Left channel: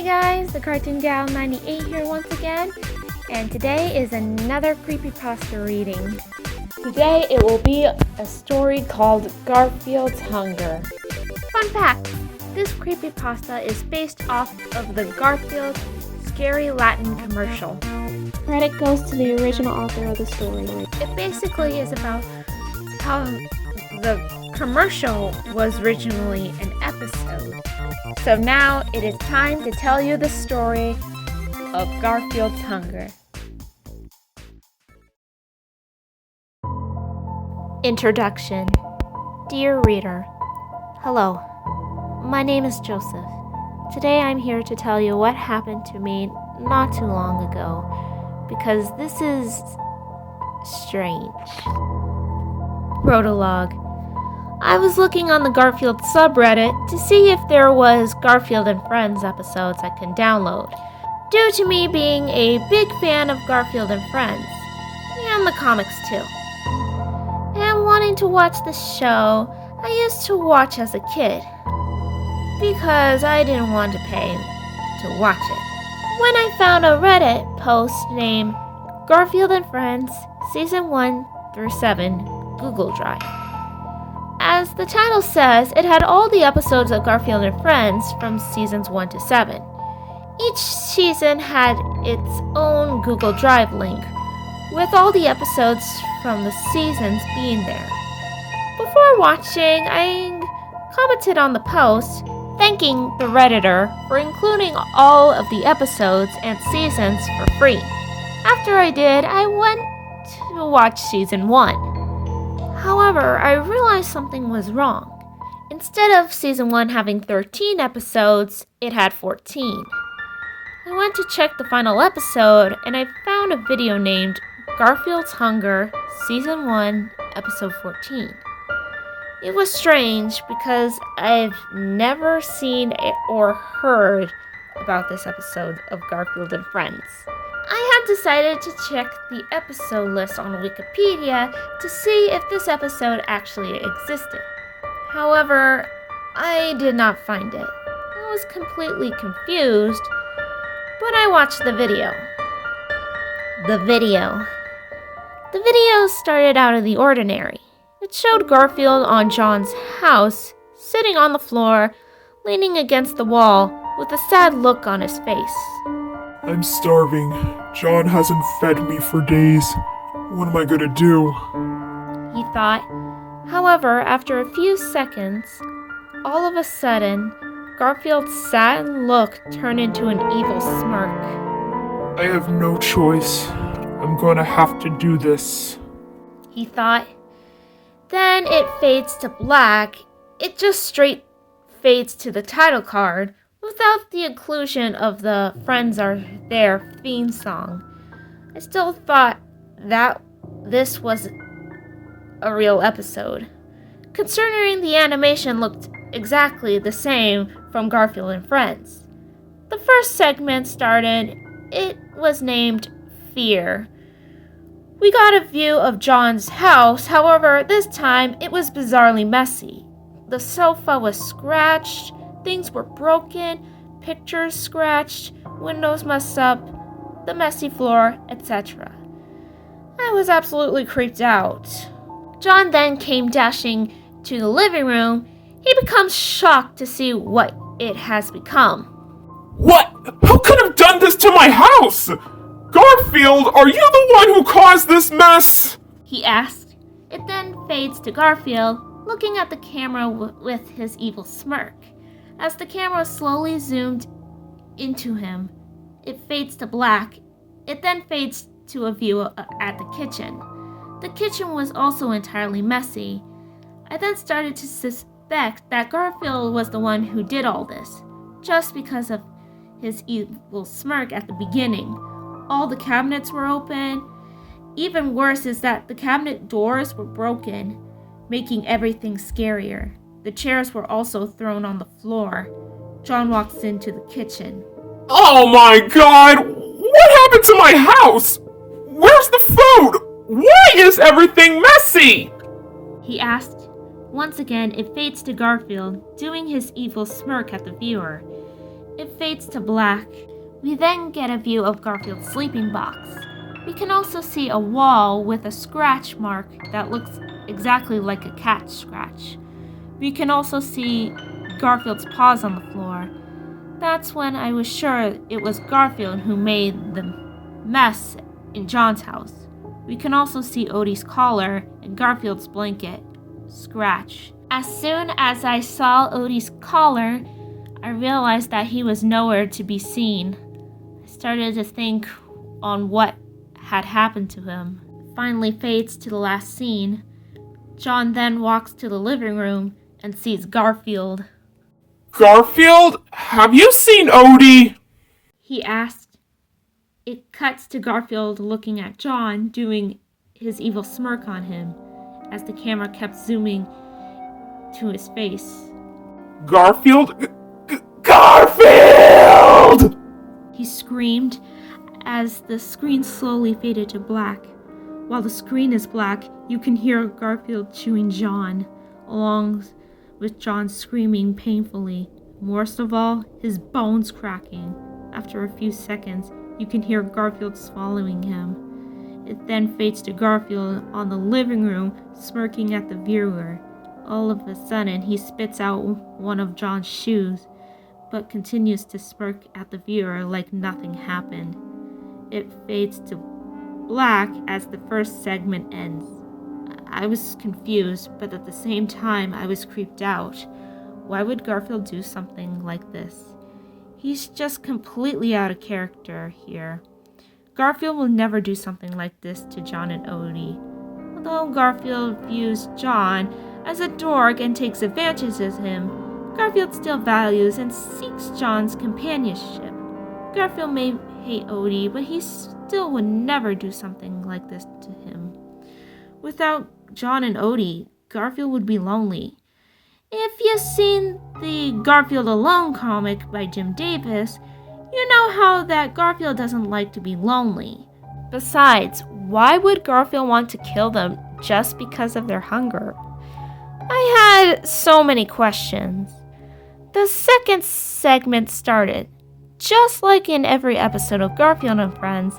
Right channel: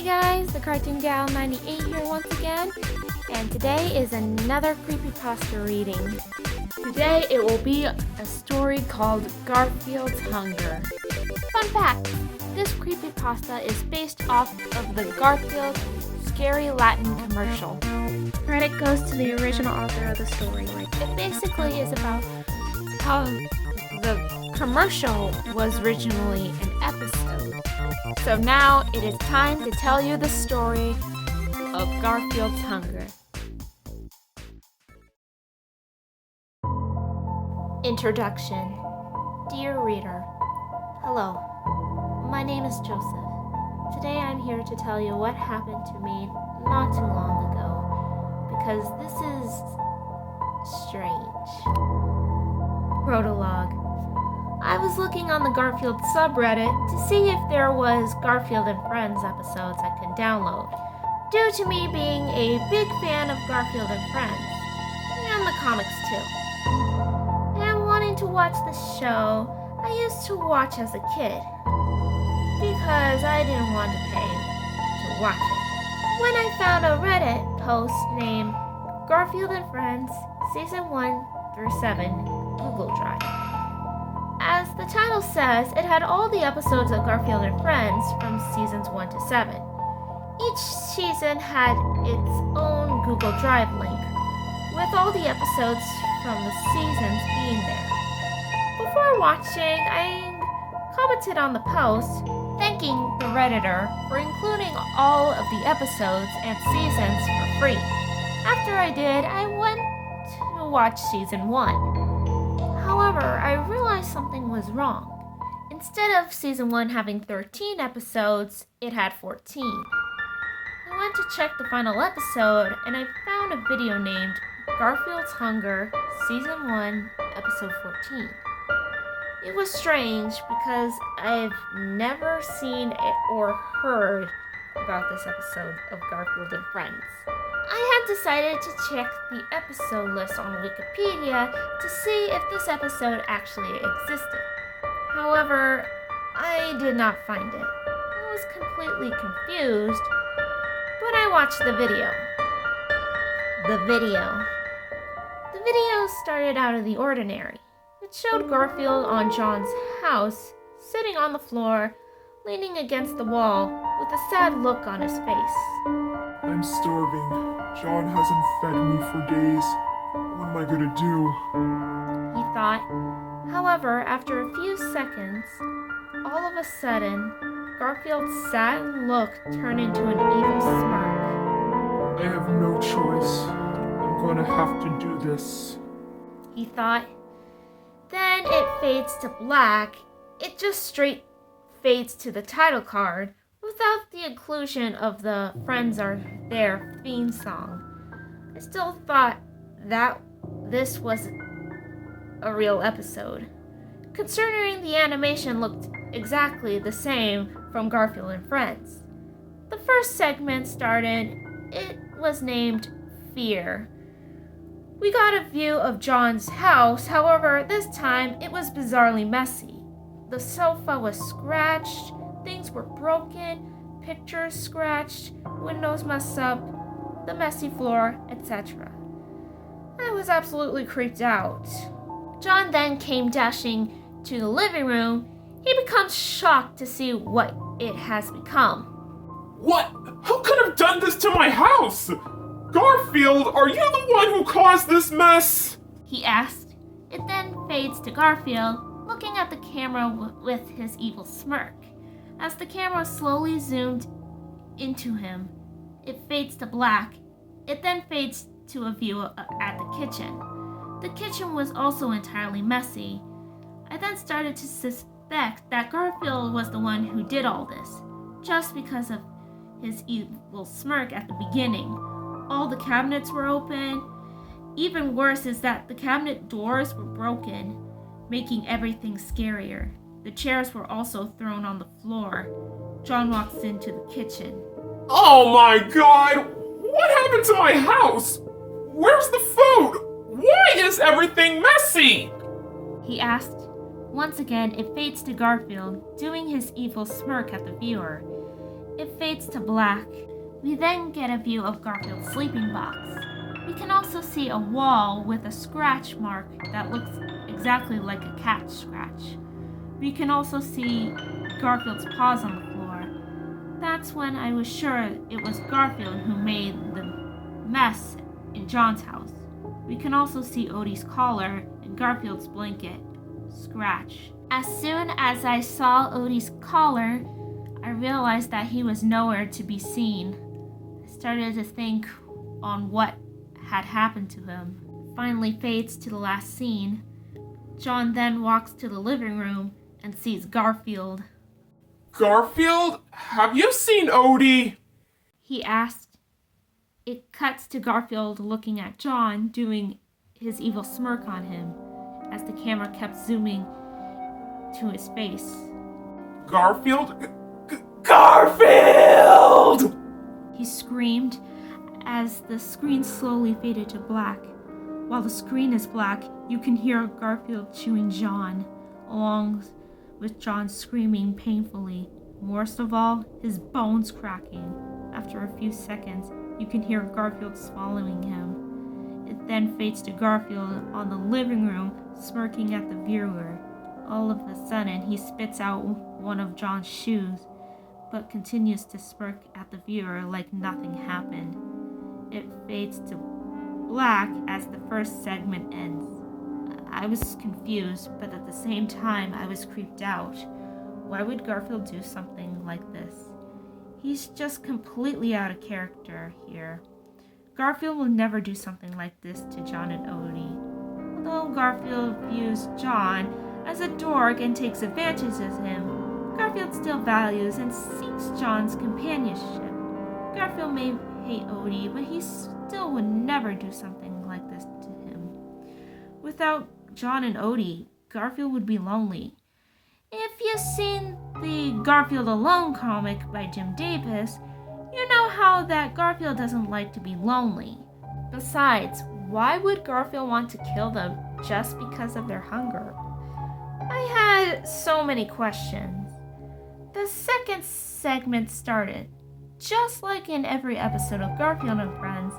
Hi guys, the Cartoon Gal 98 here once again, and today is another Creepypasta reading. Today it will be a story called Garfield's Hunger. Fun fact, this Creepypasta is based off of the Garfield Scary Latin commercial. Credit goes to the original author of the story. It basically is about how the commercial was originally an episode. So now it is time to tell you the story of Garfield's Hunger. Introduction. Dear reader, hello. My name is Joseph. Today I'm here to tell you what happened to me not too long ago, because this is strange. Prologue. I was looking on the Garfield subreddit to see if there was Garfield and Friends episodes I can download, due to me being a big fan of Garfield and Friends, and the comics too. And wanting to watch the show I used to watch as a kid, because I didn't want to pay to watch it. When I found a Reddit post named Garfield and Friends Season 1 through 7 Google Drive. As the title says, it had all the episodes of Garfield and Friends from seasons 1 to 7. Each season had its own Google Drive link, with all the episodes from the seasons being there. Before watching, I commented on the post, thanking the Redditor for including all of the episodes and seasons for free. After I did, I went to watch season 1. However, I realized something was wrong. Instead of season 1 having 13 episodes, it had 14. I went to check the final episode, and I found a video named Garfield's Hunger, Season 1, Episode 14. It was strange because I've never seen or heard about this episode of Garfield and Friends. I had decided to check the episode list on Wikipedia to see if this episode actually existed. However, I did not find it. I was completely confused, but I watched the video. The video started out of the ordinary. It showed Garfield on John's house, sitting on the floor, leaning against the wall, with a sad look on his face. I'm starving. John hasn't fed me for days. What am I gonna do? He thought. However, after a few seconds, all of a sudden, Garfield's sad look turned into an evil smirk. I have no choice. I'm gonna have to do this. He thought. Then it fades to black. It just straight fades to the title card, without the inclusion of the Friends Are There theme song. I still thought that this was a real episode, considering the animation looked exactly the same from Garfield and Friends. The first segment started. It was named Fear. We got a view of John's house, however, this time it was bizarrely messy. The sofa was scratched, things were broken, pictures scratched, windows messed up, the messy floor, etc. I was absolutely creeped out. John then came dashing to the living room. He becomes shocked to see what it has become. What? Who could have done this to my house? Garfield, are you the one who caused this mess? He asked. It then fades to Garfield, looking at the camera with his evil smirk. As the camera slowly zoomed into him, it fades to black. It then fades to a view at the kitchen. The kitchen was also entirely messy. I then started to suspect that Garfield was the one who did all this, just because of his evil smirk at the beginning. All the cabinets were open. Even worse is that the cabinet doors were broken, making everything scarier. The chairs were also thrown on the floor. John walks into the kitchen. Oh my god! What happened to my house? Where's the food? Why is everything messy? He asked. Once again, it fades to Garfield, doing his evil smirk at the viewer. It fades to black. We then get a view of Garfield's sleeping box. We can also see a wall with a scratch mark that looks exactly like a cat scratch. We can also see Garfield's paws on the floor. That's when I was sure it was Garfield who made the mess in John's house. We can also see Odie's collar and Garfield's blanket scratch. As soon as I saw Odie's collar, I realized that he was nowhere to be seen. I started to think on what had happened to him. It finally fades to the last scene. John then walks to the living room and sees Garfield. Garfield, have you seen Odie? He asked. It cuts to Garfield looking at John, doing his evil smirk on him, as the camera kept zooming to his face. Garfield? Garfield! He screamed as the screen slowly faded to black. While the screen is black, you can hear Garfield chewing John, along with John screaming painfully. Worst of all, his bones cracking. After a few seconds, you can hear Garfield swallowing him. It then fades to Garfield on the living room, smirking at the viewer. All of a sudden, he spits out one of John's shoes, but continues to smirk at the viewer like nothing happened. It fades to black as the first segment ends. I was confused, but at the same time, I was creeped out. Why would Garfield do something like this? He's just completely out of character here. Garfield will never do something like this to John and Odie. Although Garfield views John as a dork and takes advantage of him, Garfield still values and seeks John's companionship. Garfield may hate Odie, but he still would never do something like this to him. Without John and Odie, Garfield would be lonely. If you've seen the Garfield Alone comic by Jim Davis, you know how that Garfield doesn't like to be lonely. Besides, why would Garfield want to kill them just because of their hunger? I had so many questions. The second segment started. Just like in every episode of Garfield and Friends,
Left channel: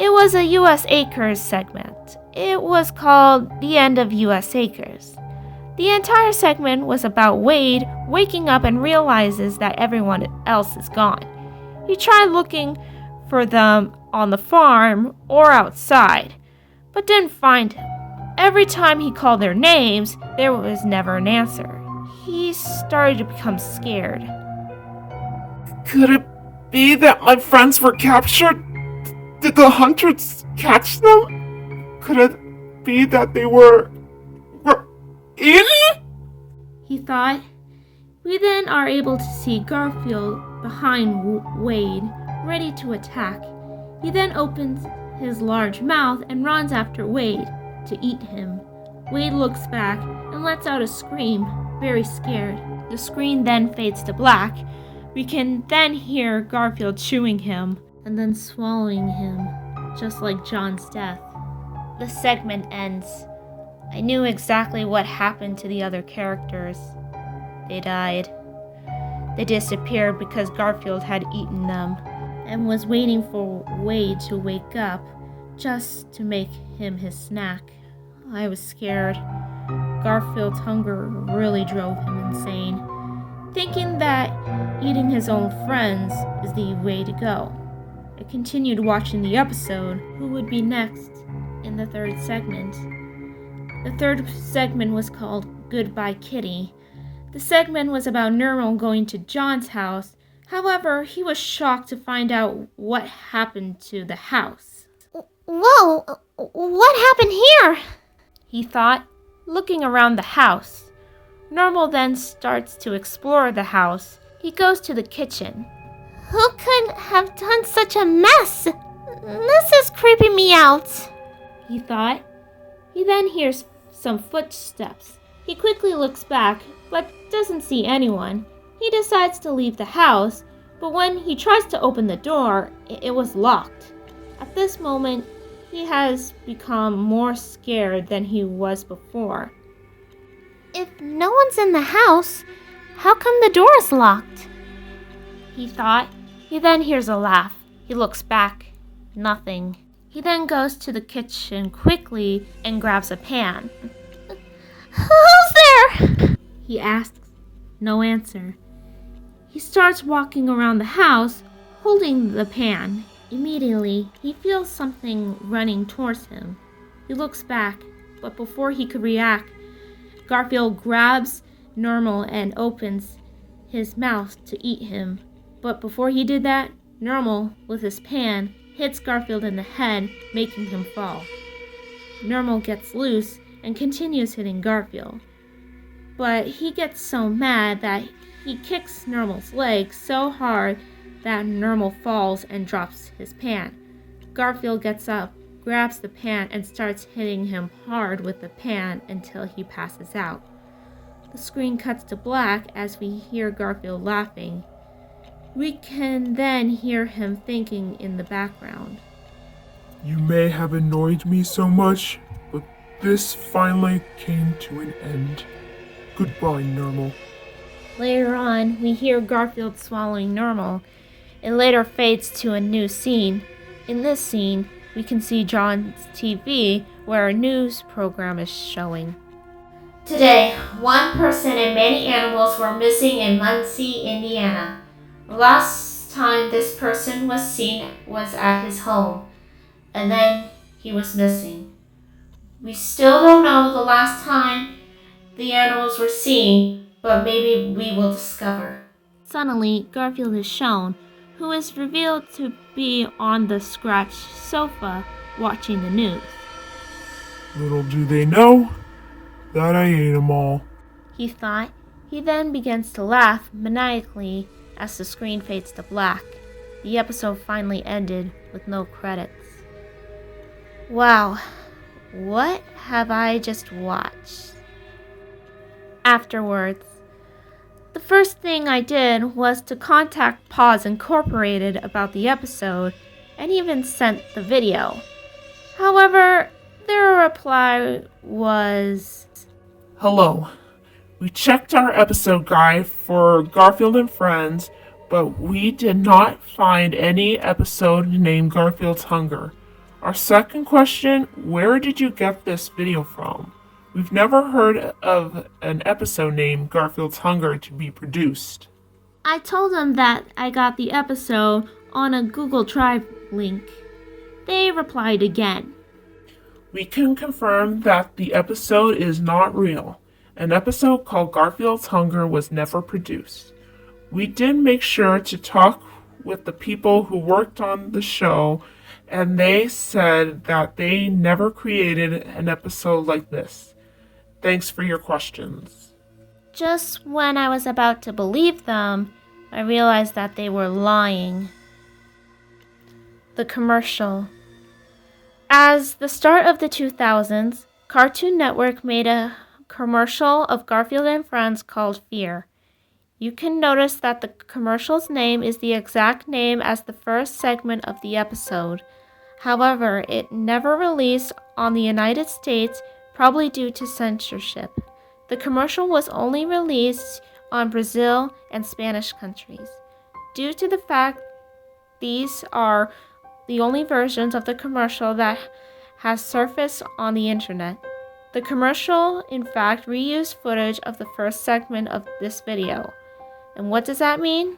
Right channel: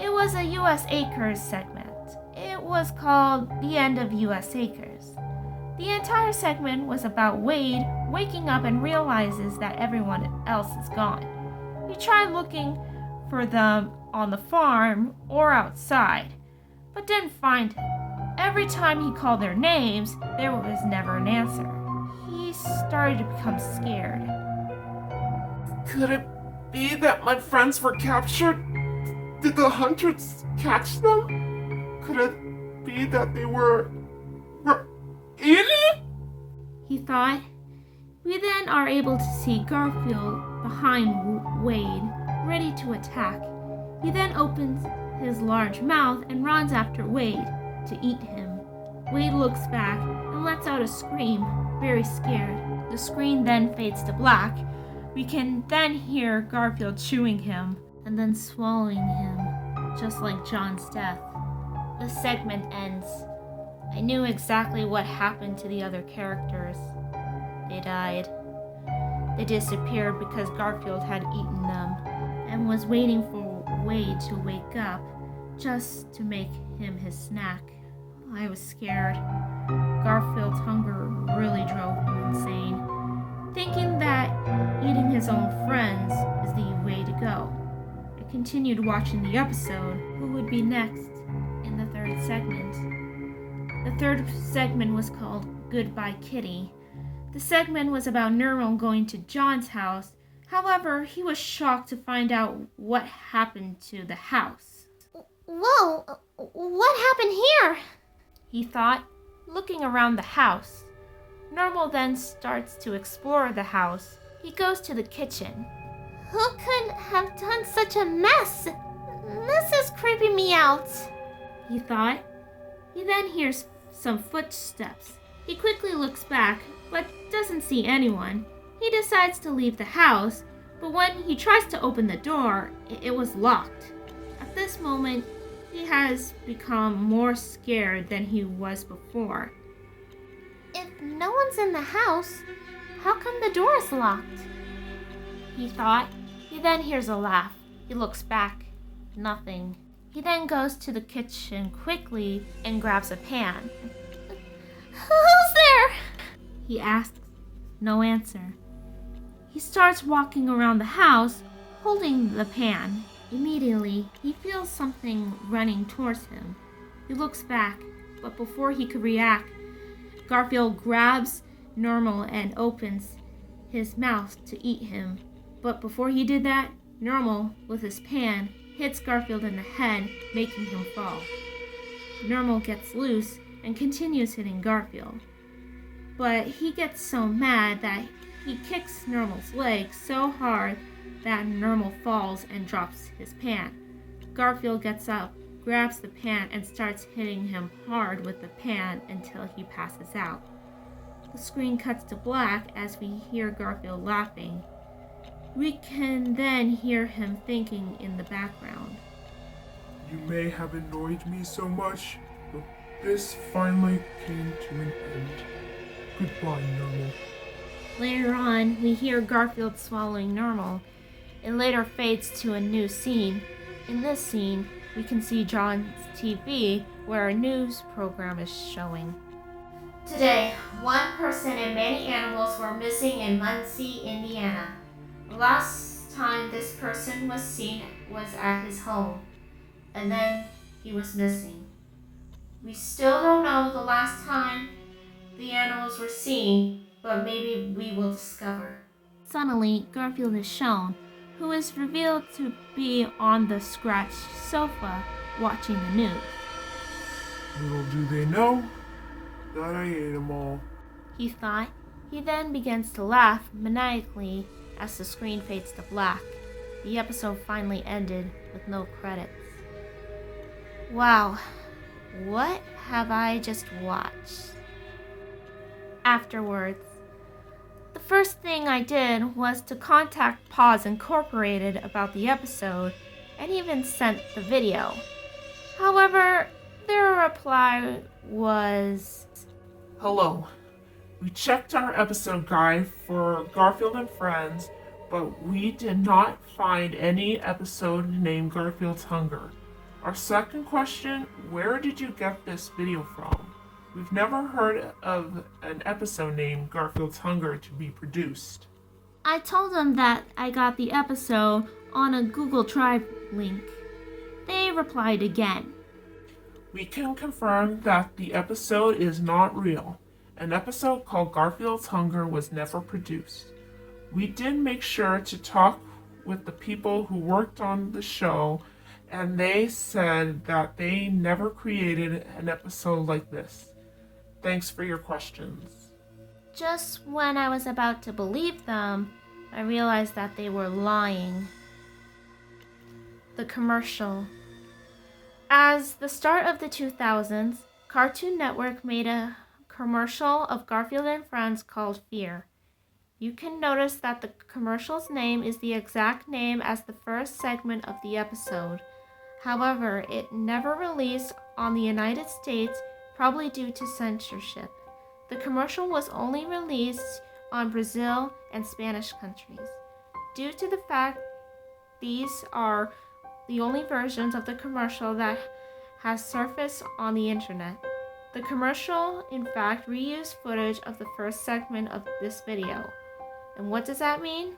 it was a U.S. Acres segment. It was called The End of U.S. Acres. The entire segment was about Wade waking up and realizes that everyone else is gone. He tried looking for them on the farm or outside, but didn't find him. Every time he called their names, there was never an answer. He started to become scared. Could it be that my friends were captured? Did the hunters catch them? Could it be that they were in? He thought. We then are able to see Garfield behind Wade, ready to attack. He then opens his large mouth and runs after Wade to eat him. Wade looks back and lets out a scream, very scared. The screen then fades to black. We can then hear Garfield chewing him and then swallowing him, just like John's death. The segment ends. I knew exactly what happened to the other characters. They died. They disappeared because Garfield had eaten them and was waiting for Wade to wake up just to make him his snack. I was scared. Garfield's hunger really drove him insane, thinking that eating his own friends is the way to go. I continued watching the episode. Who would be next in the third segment? The third segment was called Goodbye Kitty. The segment was about Nermal going to John's house. However, he was shocked to find out what happened to the house. Whoa, what happened here? He thought, looking around the house. Nermal then starts to explore the house. He goes to the kitchen. Who could have done such a mess? This is creeping me out, he thought. He then hears some footsteps. He quickly looks back, but doesn't see anyone. He decides to leave the house, but when he tries to open the door, it was locked. At this moment, he has become more scared than he was before. If no one's in the house, how come the door is locked? he thought. He then hears a laugh. He looks back. Nothing. He then goes to the kitchen quickly and grabs a pan. Who's there? He asks. No answer. He starts walking around the house, holding the pan. Immediately, he feels something running towards him. He looks back, but before he could react, Garfield grabs Normal and opens his mouth to eat him. But before he did that, Normal, with his pan, hits Garfield in the head, making him fall. Normal gets loose and continues hitting Garfield. But he gets so mad that he kicks Normal's leg so hard that Normal falls and drops his pan. Garfield gets up, grabs the pan, and starts hitting him hard with the pan until he passes out. The screen cuts to black as we hear Garfield laughing. We can then hear him thinking in the background. You may have annoyed me so much, but this finally came to an end. Goodbye, Normal. Later on, we hear Garfield swallowing Normal. It later fades to a new scene. In this scene, we can see John's TV where a news program is showing. Today, one person and many animals were missing in Muncie, Indiana. The last time this person was seen was at his home, and then he was missing. We still don't know the last time the animals were seen, but maybe we will discover. Suddenly, Garfield is shown, who is revealed to be on the scratched sofa watching the news. Little do they know that I ate them all. He thought. He then begins to laugh maniacally as the screen fades to black. The episode finally ended with no credits. Wow, what have I just watched? Afterwards, the first thing I did was to contact Paws Incorporated about the episode and even sent the video. However, their reply was, Hello. We checked our episode guide for Garfield and Friends, but we did not find any episode named Garfield's Hunger. Our second question, where did you get this video from? We've never heard of an episode named Garfield's Hunger to be produced. I told them that I got the episode on a Google Drive link. They replied again. We can confirm that the episode is not real. An episode called Garfield's Hunger was never produced. We did make sure to talk with the people who worked on the show, and they said that they never created an episode like this. Thanks for your questions. Just when I was about to believe them, I realized that they were lying. The commercial. As the start of the 2000s, Cartoon Network made a commercial of Garfield and Friends called Fear. You can notice that the commercial's name is the exact name as the first segment of the episode. However, it never released on the United States, probably due to censorship. The commercial was only released on Brazil and Spanish countries. Due to the fact these are the only versions of the commercial that has surfaced on the internet. The commercial, in fact, reused footage of the first segment of this video. And what does that mean?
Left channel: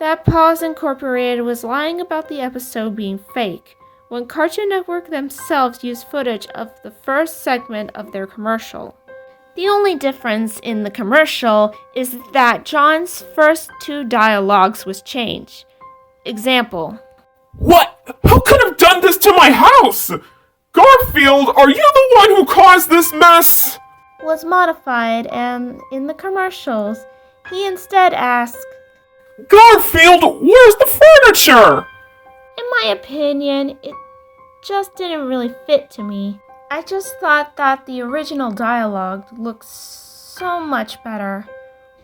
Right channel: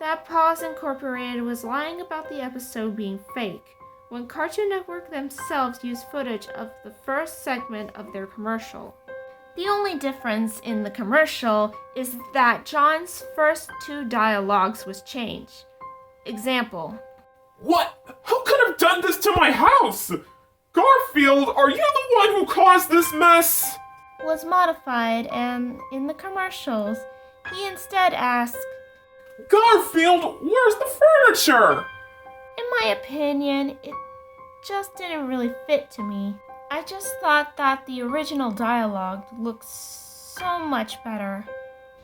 That Paws Incorporated was lying about the episode being fake, when Cartoon Network themselves used footage of the first segment of their commercial. The only difference in the commercial is that John's first two dialogues was changed. Example. What? Who could have done this to my house? Garfield, are you the one who caused this mess? Was modified, and in the commercials, he instead asked, Garfield, where's the furniture? In my opinion, it just didn't really fit to me. I just thought that the original dialogue looked so much better.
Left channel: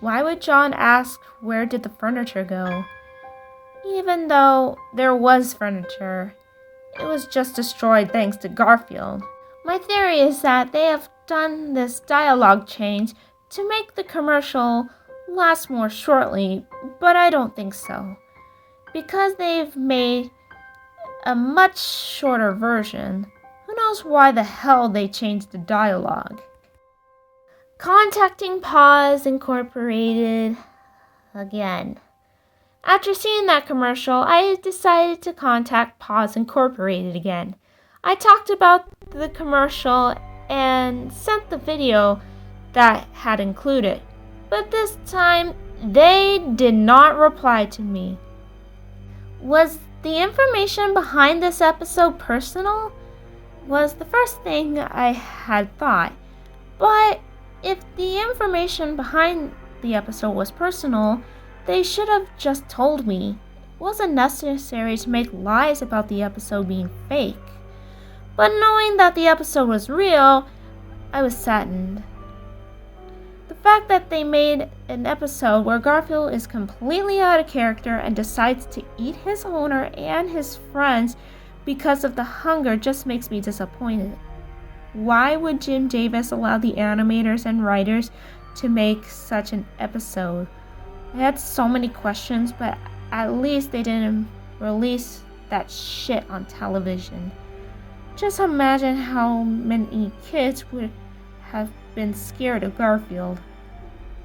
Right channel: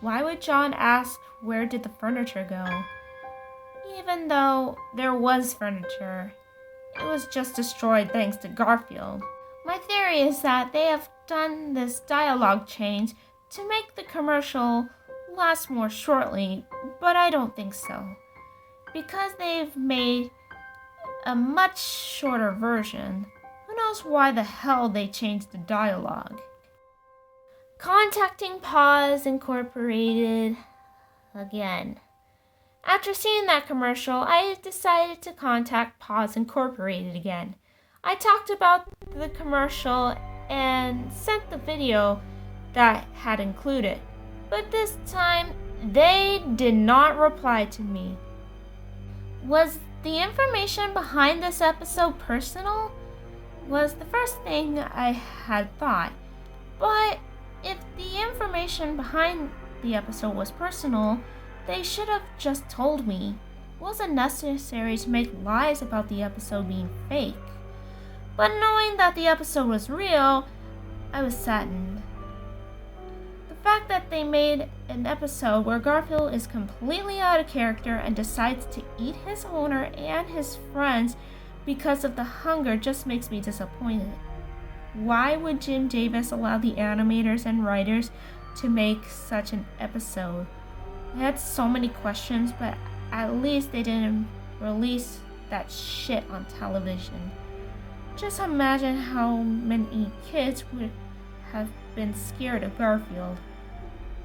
Why would John ask where did the furniture go? Even though there was furniture, it was just destroyed thanks to Garfield. My theory is that they have done this dialogue change to make the commercial last more shortly, but I don't think so. Because they've made a much shorter version, who knows why the hell they changed the dialogue. Contacting Paws Incorporated again. After seeing that commercial, I decided to contact Paws Incorporated again. I talked about the commercial and sent the video that had included, but this time they did not reply to me. Was the information behind this episode personal? Was the first thing I had thought. But if the information behind the episode was personal, they should have just told me. It wasn't necessary to make lies about the episode being fake. But knowing that the episode was real, I was saddened. The fact that they made an episode where Garfield is completely out of character and decides to eat his owner and his friends because of the hunger just makes me disappointed. Why would Jim Davis allow the animators and writers to make such an episode? I had so many questions, but at least they didn't release that shit on television. Just imagine how many kids would have been scared of Garfield.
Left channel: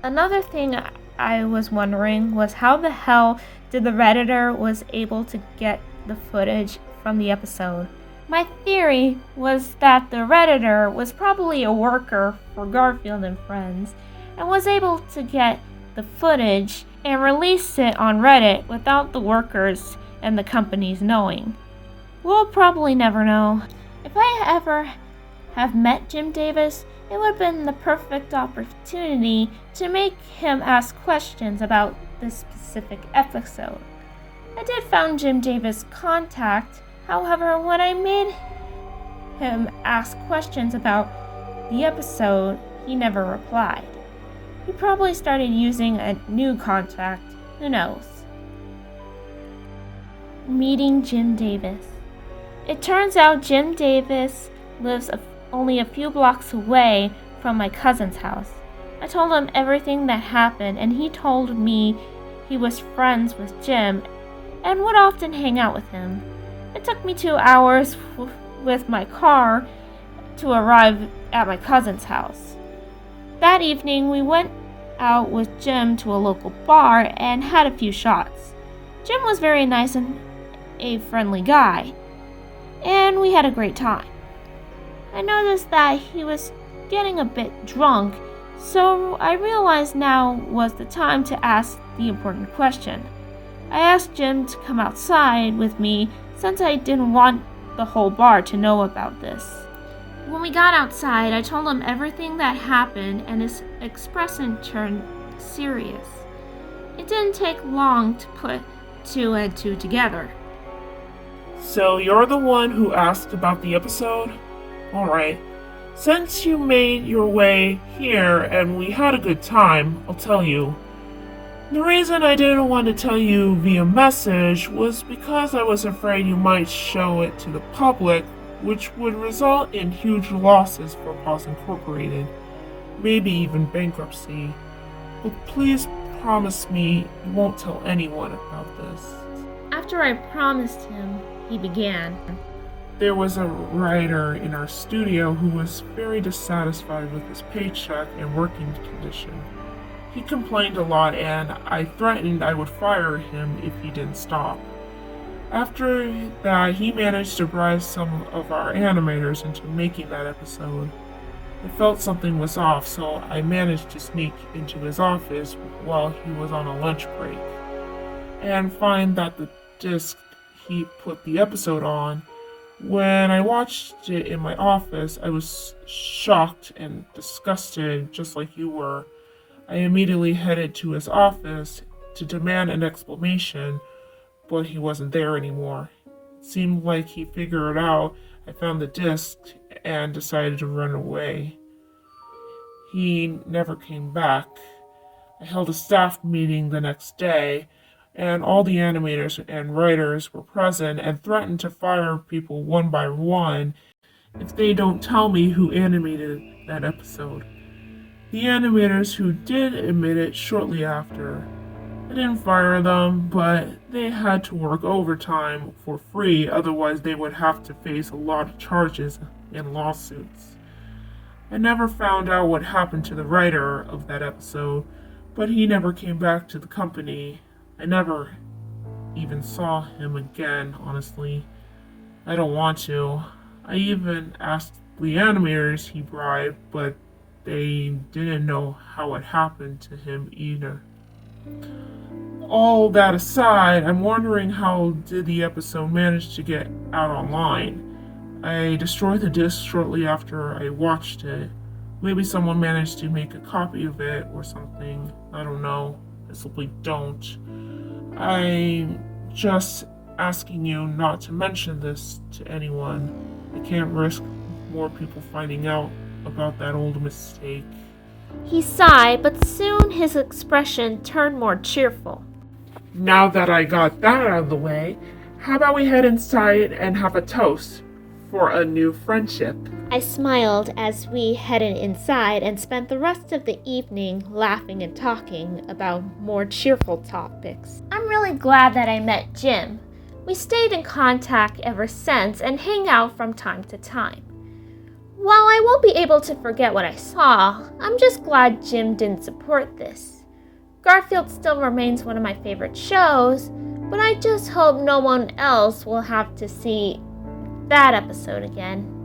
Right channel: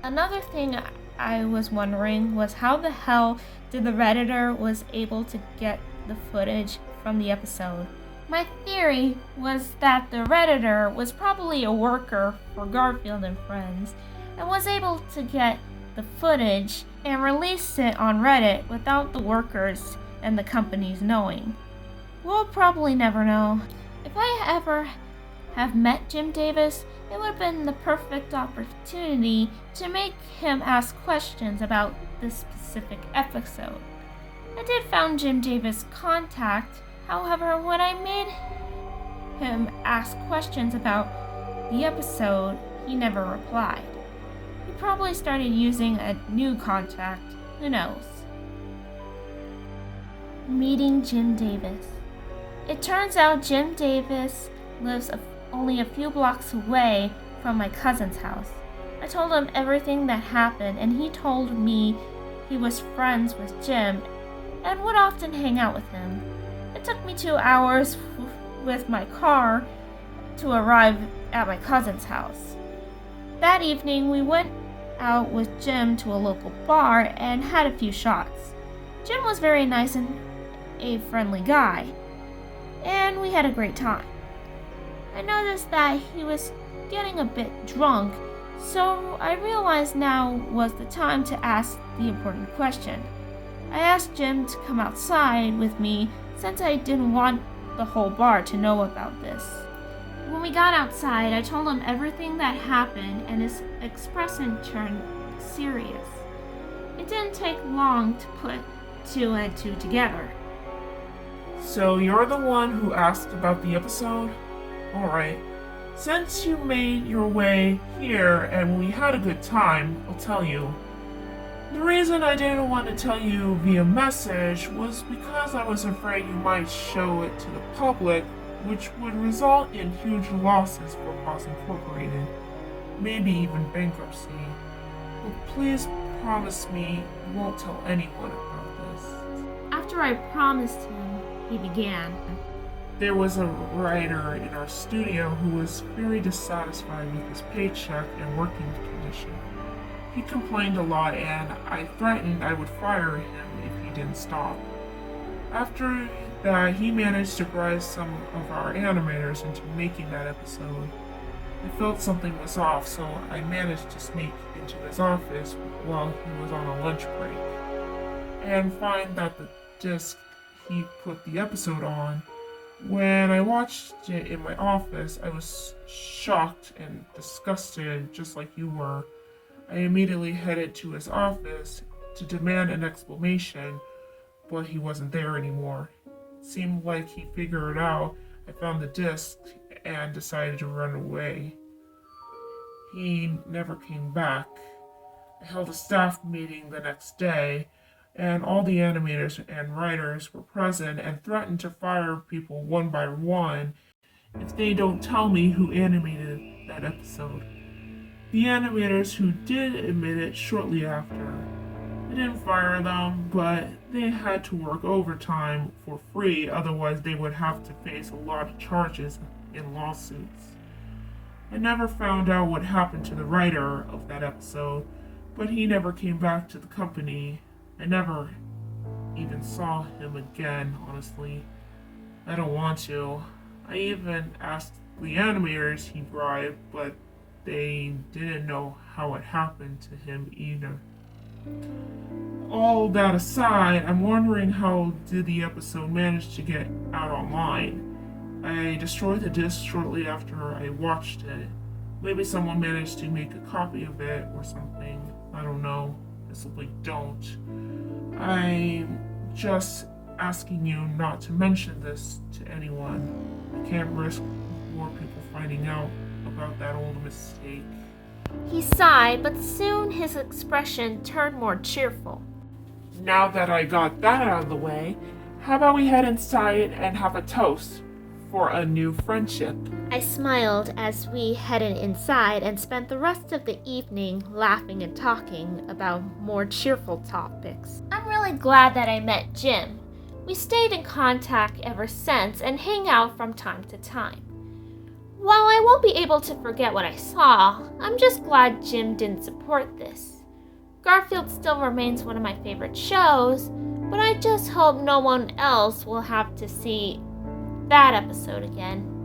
Another thing I was wondering was how the hell did the Redditor was able to get the footage from the episode. My theory was that the Redditor was probably a worker for Garfield and Friends and was able to get the footage and release it on Reddit without the workers and the companies knowing. We'll probably never know. If I ever have met Jim Davis, it would have been the perfect opportunity to make him ask questions about this specific episode. I did found Jim Davis' contact. However, when I made him ask questions about the episode, he never replied. He probably started using a new contact. Who knows? Meeting Jim Davis. It turns out Jim Davis lives only a few blocks away from my cousin's house. I told him everything that happened, and he told me he was friends with Jim and would often hang out with him. It took me 2 hours with my car to arrive at my cousin's house. That evening, we went out with Jim to a local bar and had a few shots. Jim was very nice and a friendly guy, and we had a great time. I noticed that he was getting a bit drunk, so I realized now was the time to ask the important question. I asked Jim to come outside with me since I didn't want the whole bar to know about this. When we got outside, I told him everything that happened, and his expression turned serious. It didn't take long to put 2 and 2 together. So you're the one who asked about the episode? Alright. Since you made your way here and we had a good time, I'll tell you. The reason I didn't want to tell you via message was because I was afraid you might show it to the public, which would result in huge losses for Paws Incorporated, maybe even bankruptcy. But please promise me you won't tell anyone about this. After I promised him, he began. There was a writer in our studio who was very dissatisfied with his paycheck and working condition. He complained a lot, and I threatened I would fire him if he didn't stop. After that, he managed to bribe some of our animators into making that episode. I felt something was off, so I managed to sneak into his office while he was on a lunch break and find that the disc he put the episode on. When I watched it in my office, I was shocked and disgusted, just like you were. I immediately headed to his office to demand an explanation, but he wasn't there anymore. It seemed like he figured out I found the disc and decided to run away. He never came back. I held a staff meeting the next day, and all the animators and writers were present and threatened to fire people one by one if they don't tell me who animated that episode. The animators who did admit it shortly after, they didn't fire them, but they had to work overtime for free, otherwise they would have to face a lot of charges and lawsuits. I never found out what happened to the writer of that episode, but he never came back to the company. I never even saw him again, honestly. I don't want to. I even asked the animators he bribed, but they didn't know how it happened to him either. All that aside, I'm wondering how did the episode manage to get out online? I destroyed the disc shortly after I watched it. Maybe someone managed to make a copy of it or something. I don't know. I simply don't. I'm just asking you not to mention this to anyone. I can't risk more people finding out about that old mistake. He sighed, but soon his expression turned more cheerful. Now that I got that out of the way, how about we head inside and have a toast for a new friendship? I smiled as we headed inside and spent the rest of the evening laughing and talking about more cheerful topics. I'm really glad that I met Jim. We stayed in contact ever since and hang out from time to time. While I won't be able to forget what I saw, I'm just glad Jim didn't support this. Garfield still remains one of my favorite shows, but I just hope no one else will have to see that episode again.